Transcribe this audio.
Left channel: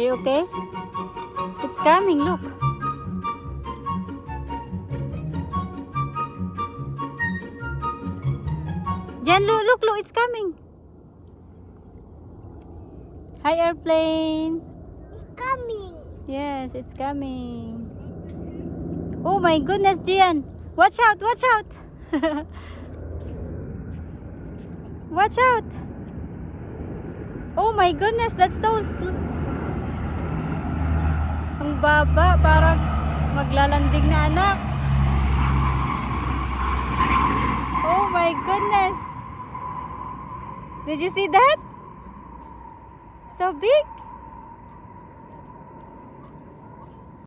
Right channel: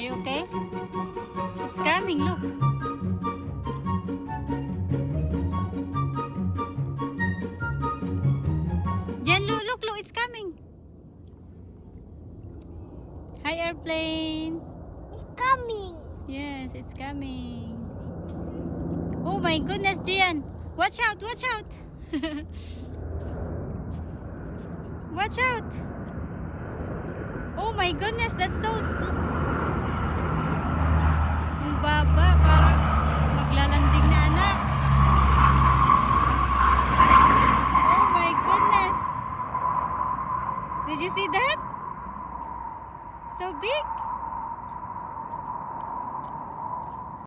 Are you okay? It's coming, look. Jen, look, it's coming. Hi, airplane. Coming. Yes, it's coming. Oh my goodness, Gian. Watch out, watch out. Watch out. Oh my goodness, that's so slow. Ang baba, parang maglalanding na anak. Oh my goodness. Did you see that? So big.